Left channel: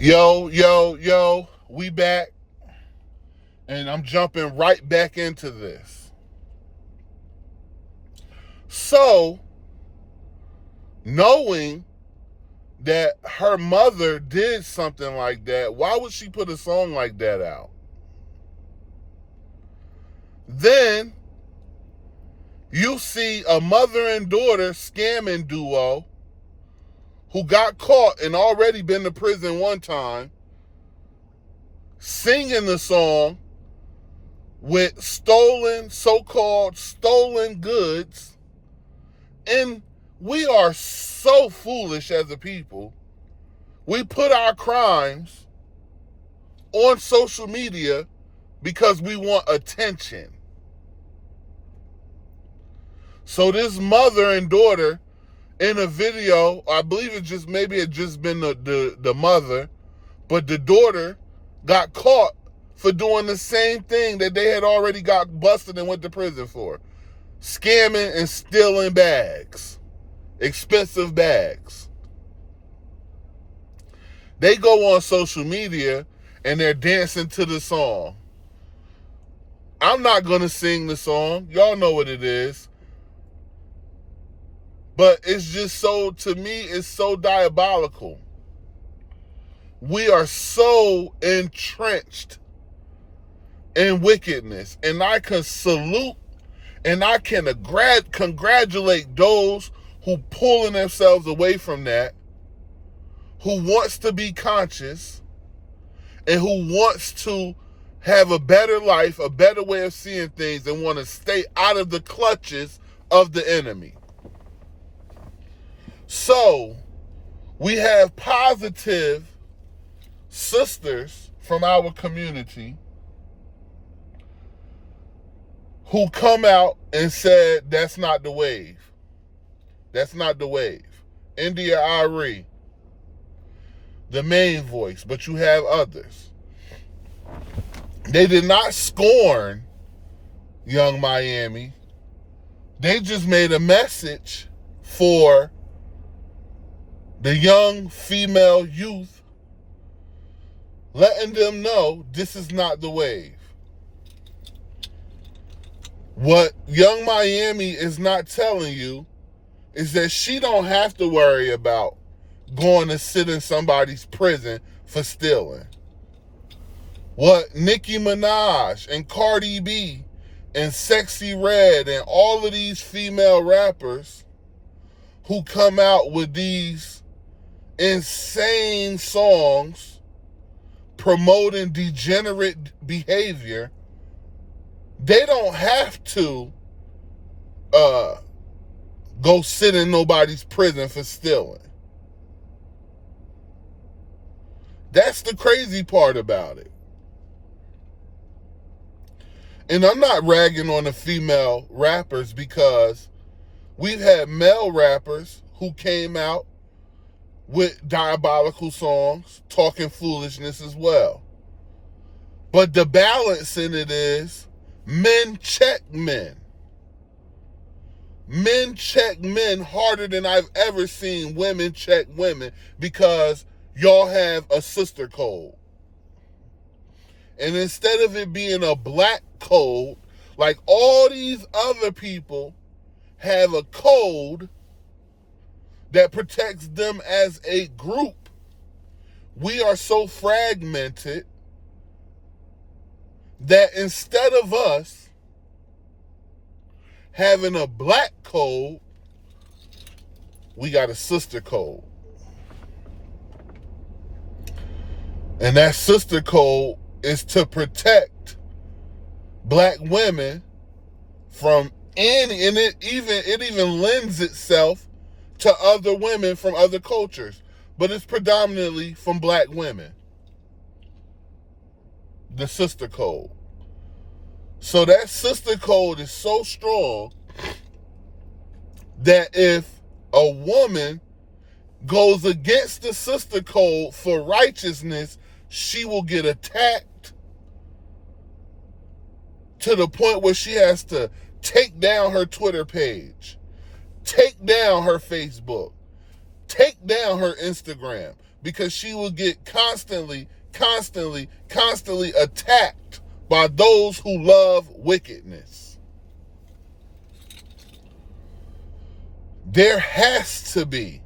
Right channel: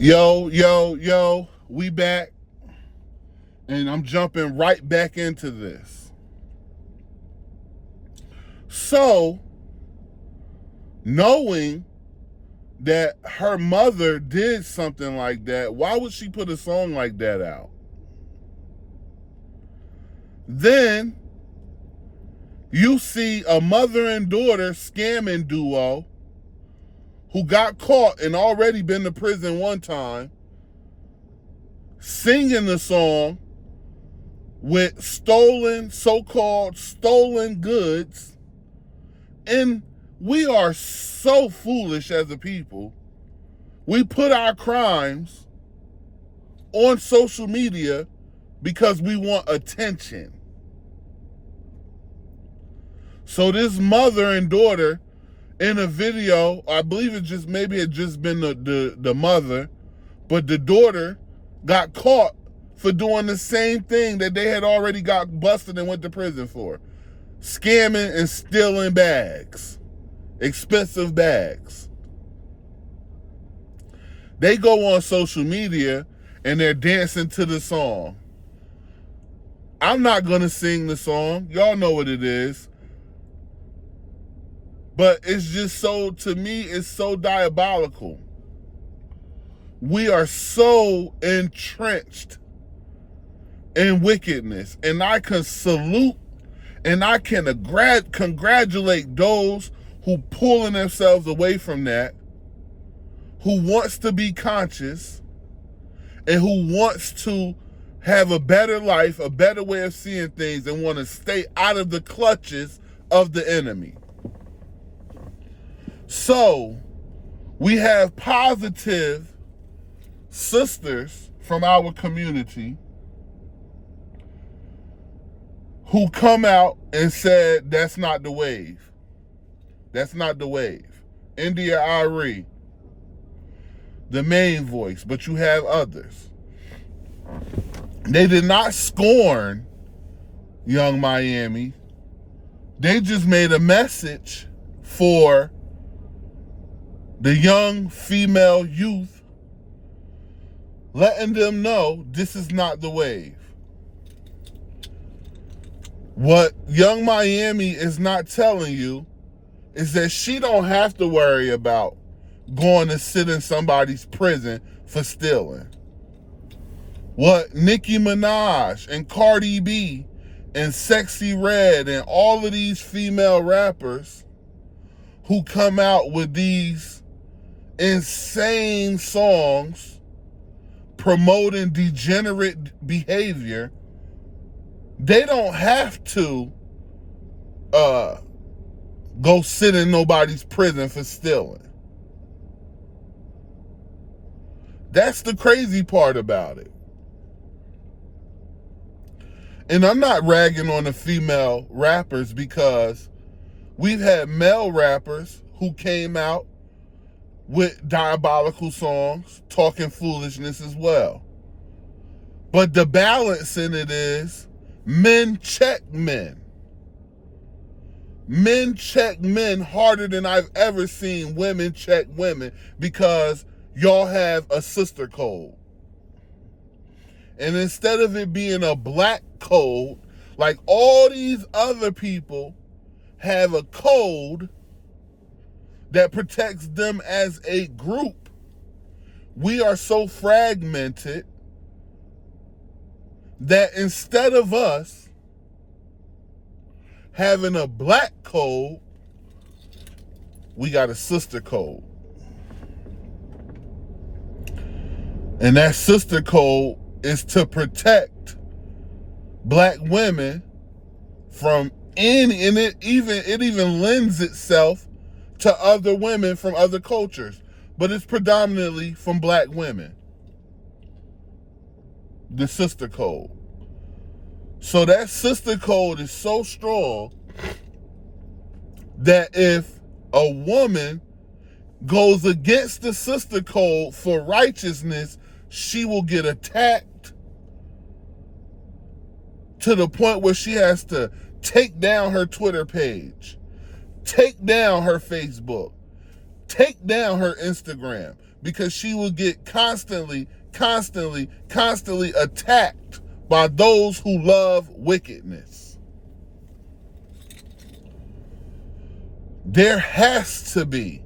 Yo, we back, and I'm jumping right back into this. So, knowing that her mother did something like that, why would she put a song like that out? Then, you see a mother and daughter scamming duo who got caught and already been to prison one time, singing the song with so-called stolen goods. And we are so foolish as a people. We put our crimes on social media because we want attention. So this mother and daughter in a video, I believe it just been the mother, but the daughter got caught for doing the same thing that they had already got busted and went to prison for. Scamming and stealing bags, expensive bags. They go on social media and they're dancing to the song. I'm not gonna sing the song. Y'all know what it is. But it's just to me, it's so diabolical. We are so entrenched in wickedness. And I can salute and I can congratulate those who pulling themselves away from that, who wants to be conscious, and who wants to have a better life, a better way of seeing things, and want to stay out of the clutches of the enemy. So, we have positive sisters from our community who come out and said, that's not the wave. That's not the wave. India Ari, the main voice, but you have others. They did not scorn Young Miami. They just made a message for the young female youth, letting them know this is not the wave. What Young Miami is not telling you is that she don't have to worry about going to sit in somebody's prison for stealing. What Nicki Minaj and Cardi B and Sexy Red and all of these female rappers who come out with these insane songs promoting degenerate behavior, they don't have to go sit in nobody's prison for stealing. That's the crazy part about it. And I'm not ragging on the female rappers, because we've had male rappers who came out with diabolical songs, talking foolishness as well. But the balance in it is men check men. Men check men harder than I've ever seen women check women, because y'all have a sister code. And instead of it being a black code, like all these other people have a code that protects them as a group, we are so fragmented that instead of us having a black code, we got a sister code. And that sister code is to protect black women from any, and it even lends itself to other women from other cultures, but it's predominantly from black women. The sister code. So that sister code is so strong that if a woman goes against the sister code for righteousness, she will get attacked to the point where she has to take down her Twitter page, take down her Facebook, take down her Instagram, because she will get constantly attacked by those who love wickedness. There has to be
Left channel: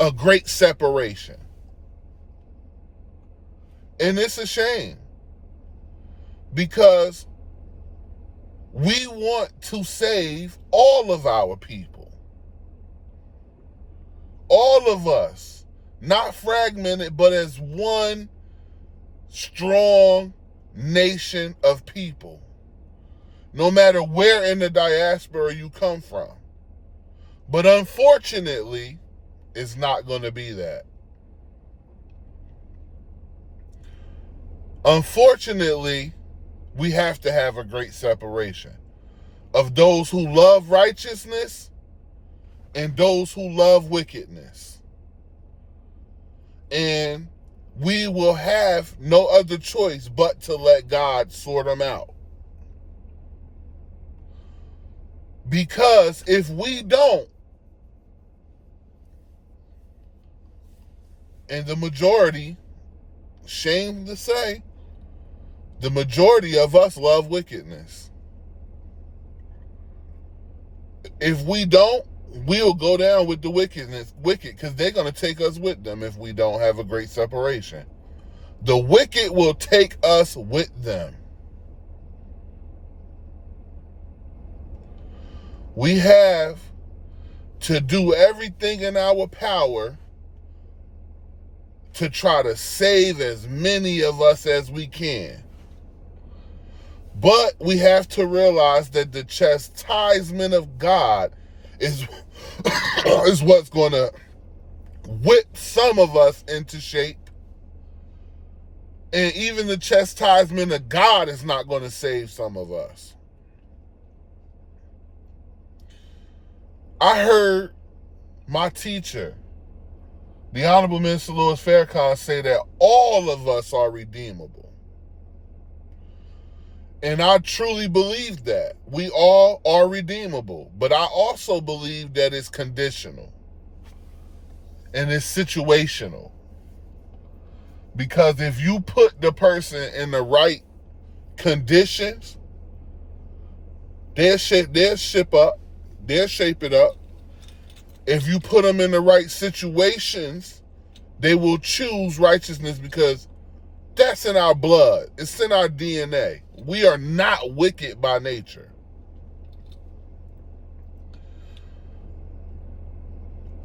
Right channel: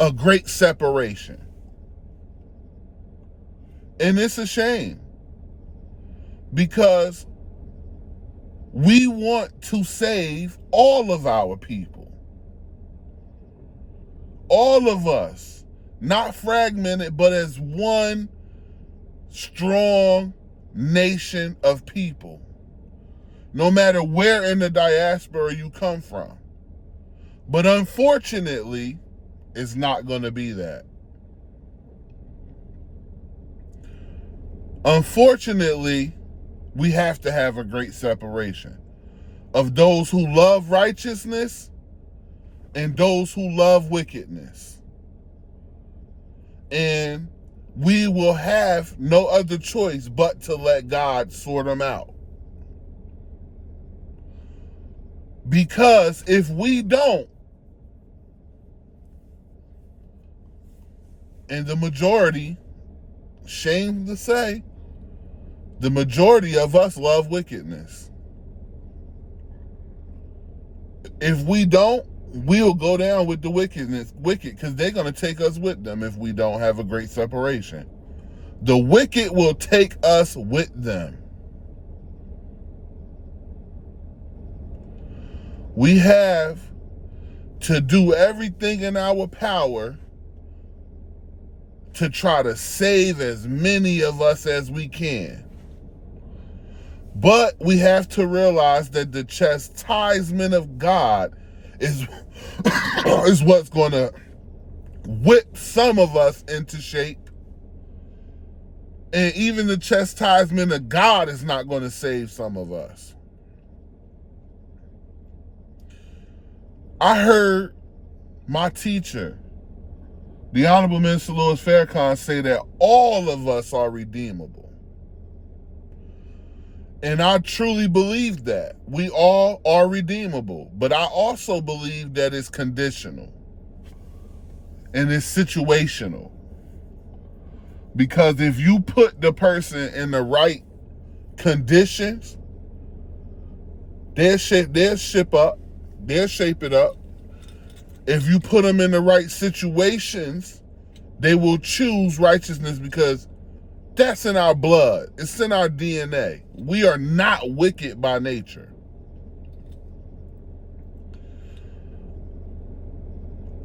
a great separation. And it's a shame, because we want to save all of our people. All of us, not fragmented, but as one strong nation of people, no matter where in the diaspora you come from. But unfortunately, it's not going to be that. Unfortunately, we have to have a great separation of those who love righteousness and those who love wickedness. And we will have no other choice but to let God sort them out. Because if we don't, and the majority, shame to say, the majority of us love wickedness. If we don't, we'll go down with the wicked, because they're going to take us with them if we don't have a great separation. The wicked will take us with them. We have to do everything in our power to try to save as many of us as we can. But we have to realize that the chastisement of God is what's going to whip some of us into shape. And even the chastisement of God is not going to save some of us. I heard my teacher, the Honorable Minister Louis Farrakhan, say that all of us are redeemable. And I truly believe that. We all are redeemable. But I also believe that it's conditional. And it's situational. Because if you put the person in the right conditions, they'll shape it up. If you put them in the right situations, they will choose righteousness, because that's in our blood. It's in our DNA. We are not wicked by nature.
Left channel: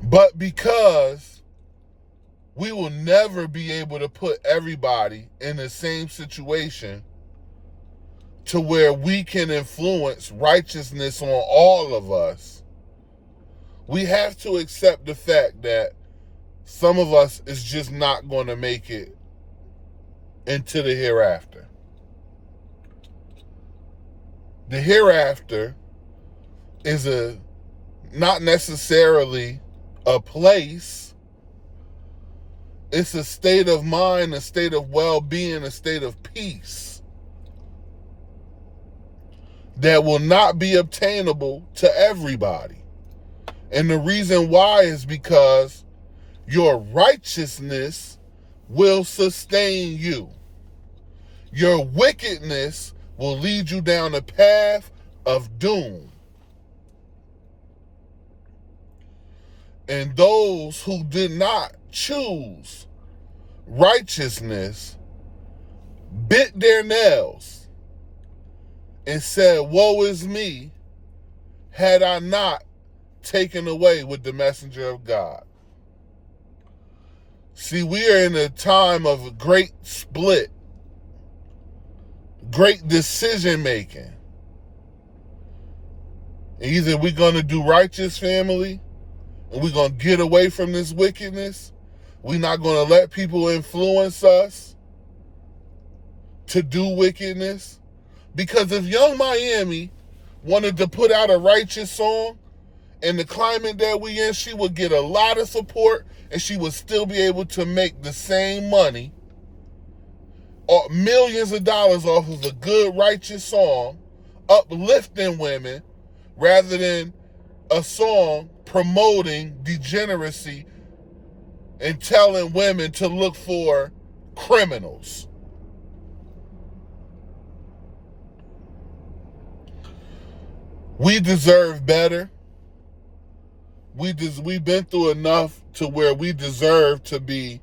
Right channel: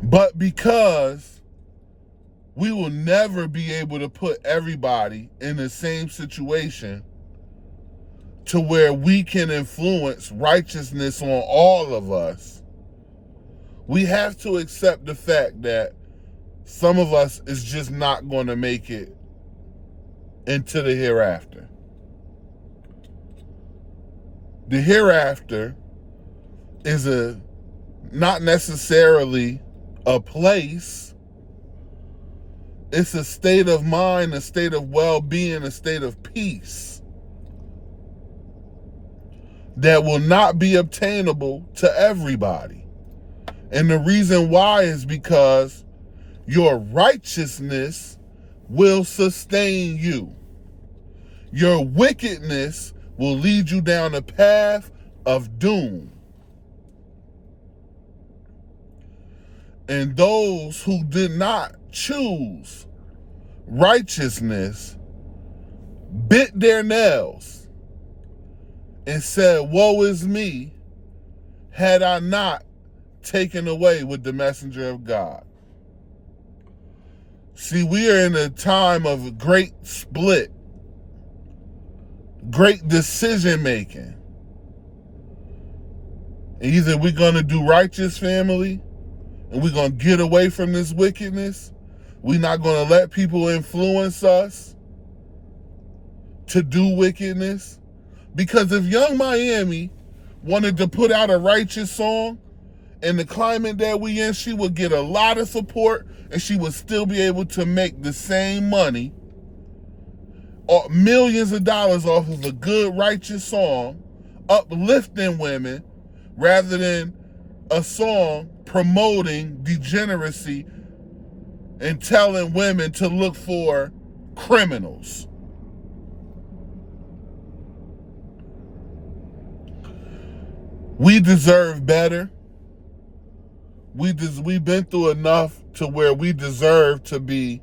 But because we will never be able to put everybody in the same situation to where we can influence righteousness on all of us, we have to accept the fact that some of us is just not going to make it into the hereafter. The hereafter is not necessarily a place. It's a state of mind, a state of well-being, a state of peace that will not be obtainable to everybody. And the reason why is because your righteousness will sustain you. Your wickedness will lead you down a path of doom. And those who did not choose righteousness bit their nails and said, "Woe is me, had I not taken away with the messenger of God." See, we are in a time of great split, great decision making. Either we're going to do righteous, family, and we're going to get away from this wickedness. We're not going to let people influence us to do wickedness. Because if Young Miami wanted to put out a righteous song, in the climate that we in, she would get a lot of support, and she would still be able to make the same money, or millions of dollars, off of a good, righteous song, uplifting women, rather than a song promoting degeneracy and telling women to look for criminals. We deserve better. We've been through enough to where we deserve to be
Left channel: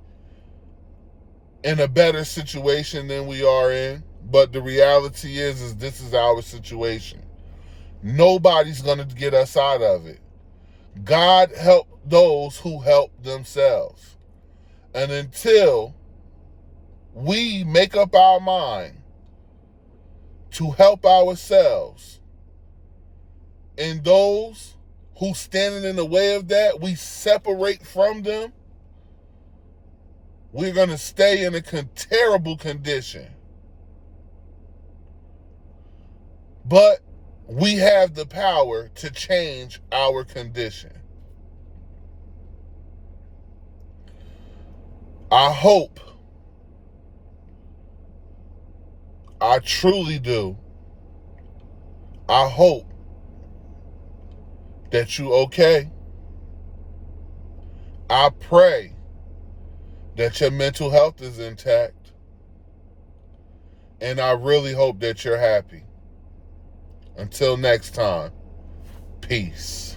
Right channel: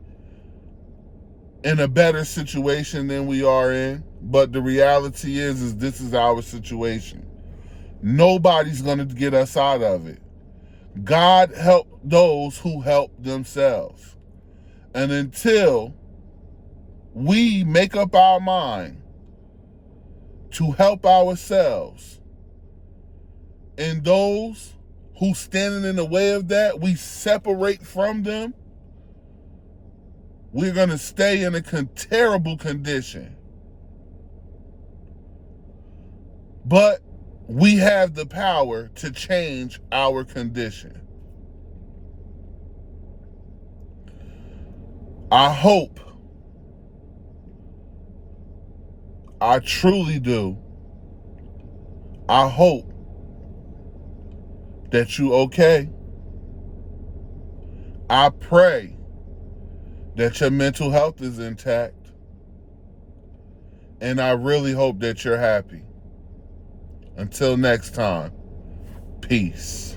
in a better situation than we are in. But the reality is this is our situation. Nobody's going to get us out of it. God help those who help themselves. And until we make up our mind to help ourselves, and those who standing in the way of that, we separate from them, we're going to stay in a terrible condition. But we have the power to change our condition. I hope, I truly do, I hope that you okay. I pray that your mental health is intact. And I really hope that you're happy. Until next time, peace.